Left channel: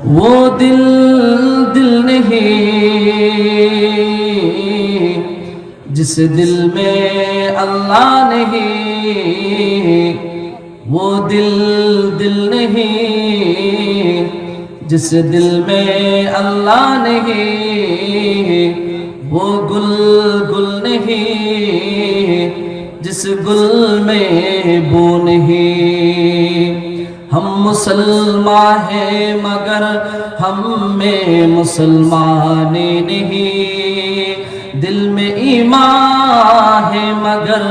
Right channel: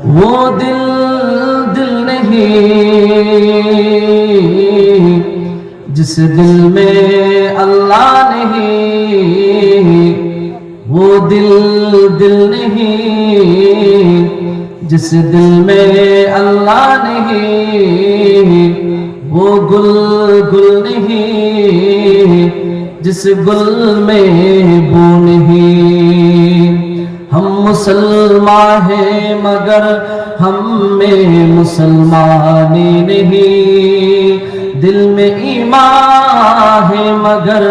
वो दिल दिल नहीं, जिस दिल में अल्लाह नहीं, वो दिल दिल नहीं, जिस दिल में अल्लाह नहीं, वो गुल गुल नहीं, जिस गुल में مسلمان ہے مگر ہم میں مسلمان نہیں دل میں ایمان ہے مگر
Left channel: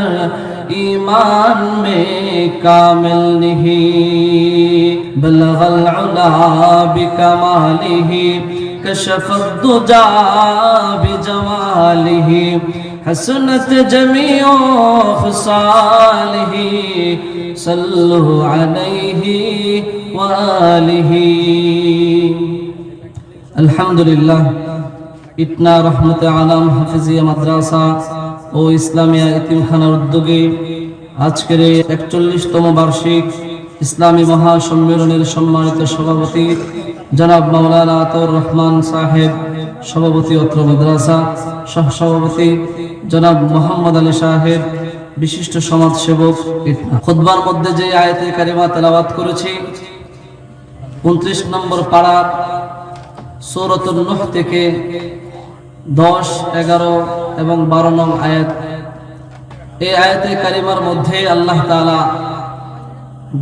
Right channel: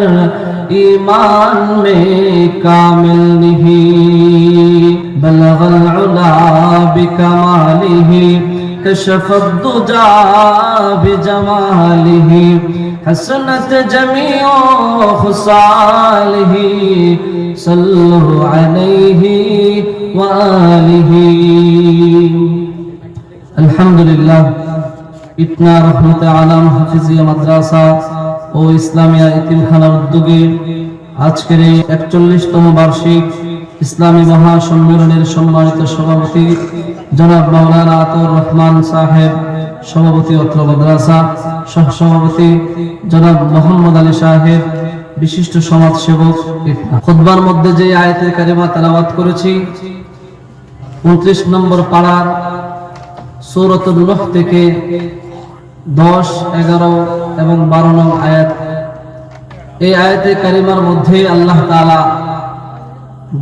ایمان میں کامل نہیں بلغ العلا بکمالہ کشف الدجا بجمالہ حسنت جمیع خصالہ صلو علیہ وآله الحمد لله ইতনা রহমত আলম হাফিজিয়া মাদ্রাসা ও ইসলামিয়া এতিমখানার উদ্যোগে আজকের এই একচল্লিশতম বার্ষিক ইসলামী মহাসম্মেলনের সম্মানিত সভাপতি জনাব মাওলানা আতর রহমান সাহেব সভাপতি অত্র মাদ্রাসা সহসভাপতি জনাব মোহাম্মদ আলী সাহেব বিশিষ্ট সমাজসেবক খুতবার মধ্যে যে আয়াতের কারিমা তেলাওয়াত করেছি উনত্রিশ নম্বর পাড়ার সৌরতুল নহ থেকে দশ, এগারো এবং বারো নং আয়াত। এই আয়াতে কারিমার মধ্যে আল্লাহ তালা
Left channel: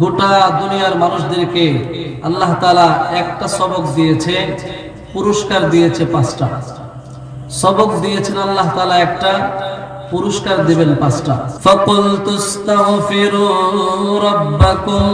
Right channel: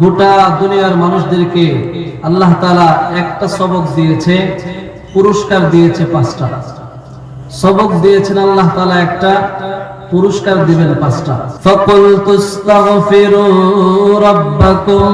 গোটা দুনিয়ার মানুষদেরকে আল্লাহ তালা একটা সবক দিয়েছে, পুরস্কার দিয়েছে পাঁচটা। সবক দিয়েছেন আল্লাহ তালা একটা, পুরস্কার দিবেন পাঁচটা। ফকুল তুস্তাগফিরু রাব্বাকুম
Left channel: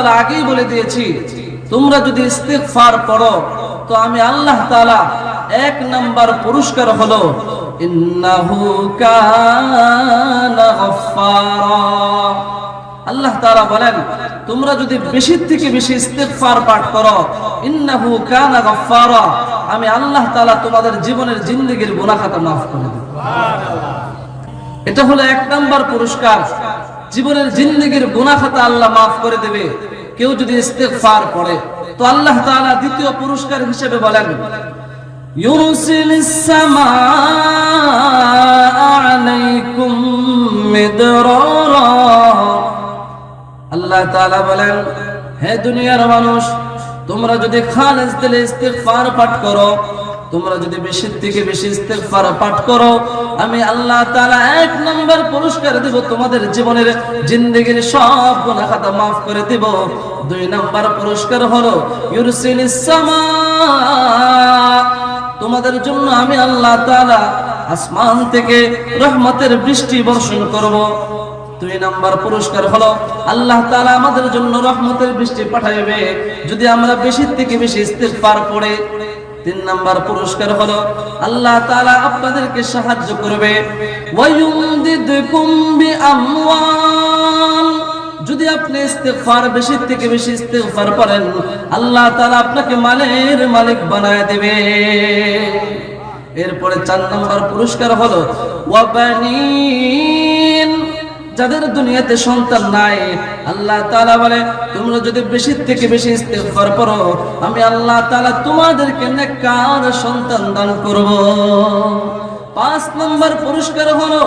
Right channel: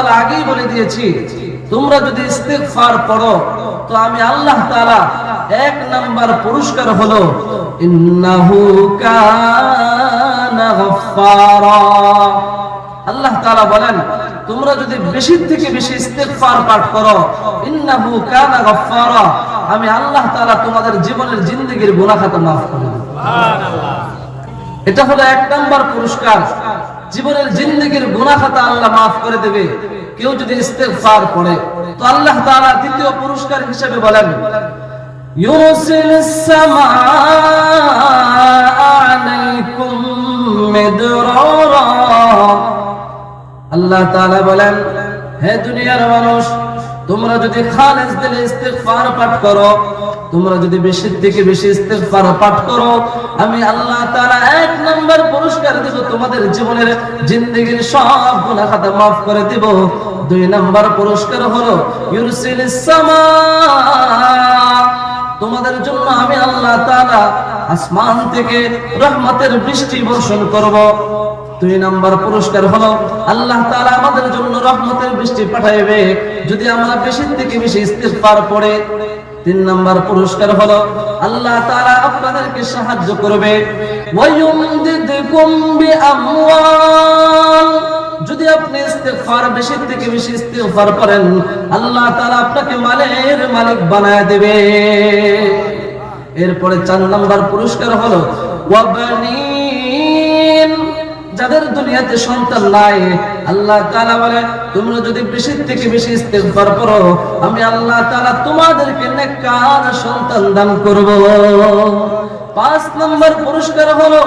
আমি আগেই বলে দিয়েছি তোমরা যদি ইস্তেগফার পড়ো তো আমি আল্লাহ তাআলা এক নাম্বার পুরস্কার হলো ইন্নাহু কানা গফফারা। আল্লাহ তাআলা বলেন তোমরা যদি বেশি থেকে বেশি ইস্তেগফার পাঠ করো ইন্নাহু কানা গফফারা আমি আল্লাহ তাআলা তোমাদের জীবনের জিন্দেগীর গুনাহ খাতা মাফ করে দেব। এটা হলো এক নাম্বার পুরস্কার। জীবনের জিন্দেগীর গুনাহ খাতা আল্লাহ মাফ করে দেবে। কেউ যদি ইস্তেগফার পড়ে তো আল্লাহ তাআলা দ্বিতীয় পুরস্কার হিসেবে বলেন আল্লাহ বলেন, হে দুনিয়ার মানুষ, তোমরা যদি খালেস দিলে ইস্তেগফার পাঠ করো তোমরা যদি বেশি থেকে বেশি ইস্তেগফার পাঠ করো, আমি আল্লাহ তাআলা এক নাম্বার পুরস্কার দেব, তোমাদের জীবনের জিন্দেগীর সব গুনাহ খাতা maaf করে দেব। দুই নাম্বার পুরস্কার হলো ইউরসিলিস তোমাদের জন্য আমি আল্লাহ তাআলা আসমান থেকে রহমতের বৃষ্টি বর্ষণ করব। দুই নাম্বার পুরস্কার হলো, আল্লাহ তাআলা আমাদের জন্য রহমতের বৃষ্টি পাঠাইবে। যদি আমরা বেশি থেকে বেশি ইস্তেগফার পড়ে তিন নাম্বার পুরস্কার হলো, আল্লাহ তাআলা আপনাদেরকে সাহায্য করবে। যদি আপনি ইস্তেগফার বেশি থেকে বেশি ইস্তেগফার করেন, আল্লাহ তাআলা আপনাকে মালের মালিক বানায় দেবে। এরপরে চার নাম্বার পুরস্কার হলো ওয়াবানিন যাদের দুনিয়াতে সন্তান নাই, আল্লাহ তাআলা বলে, তোমরা যদি বেশি থেকে বেশি ইস্তেগফার করো, আমি আল্লাহ তাআলা তোমাদেরকে নেককার সন্তান দান করব। পাঁচ নম্বর পুরস্কার হলো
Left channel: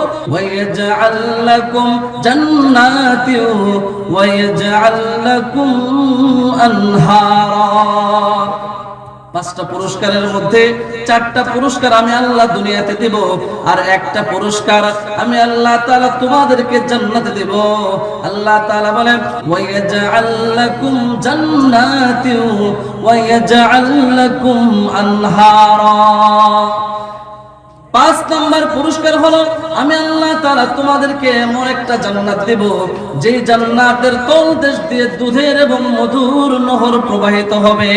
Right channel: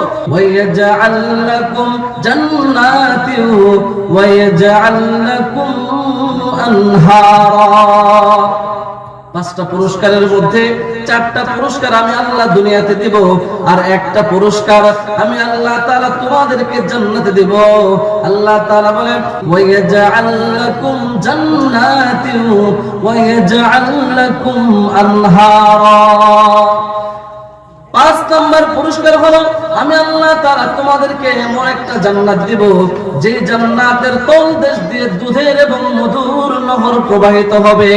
আনহারা। পাঁচটা পুরস্কারের মধ্যে চারটা পুরস্কার আমি আল্লাহ দুনিয়াতে দেব, আর একটা পুরস্কার আমি আল্লাহ তাআলা তোমাদেরকে জান্নাতে দেব। আল্লাহ তাআলা বলেন ওয়ায়াজআল লাকুম জান্নাতিন ওয়ায়াজআল লাকুম আনহারা। পাঁচ নাম্বার পুরস্কার হলো, আমি আল্লাহ তাআলা তোমাদেরকে এমন একটা জান্নাত দিব যে জান্নাতের তল দেশ দিয়ে দুধের এবং মধুর নহর প্রবাহিত হবে।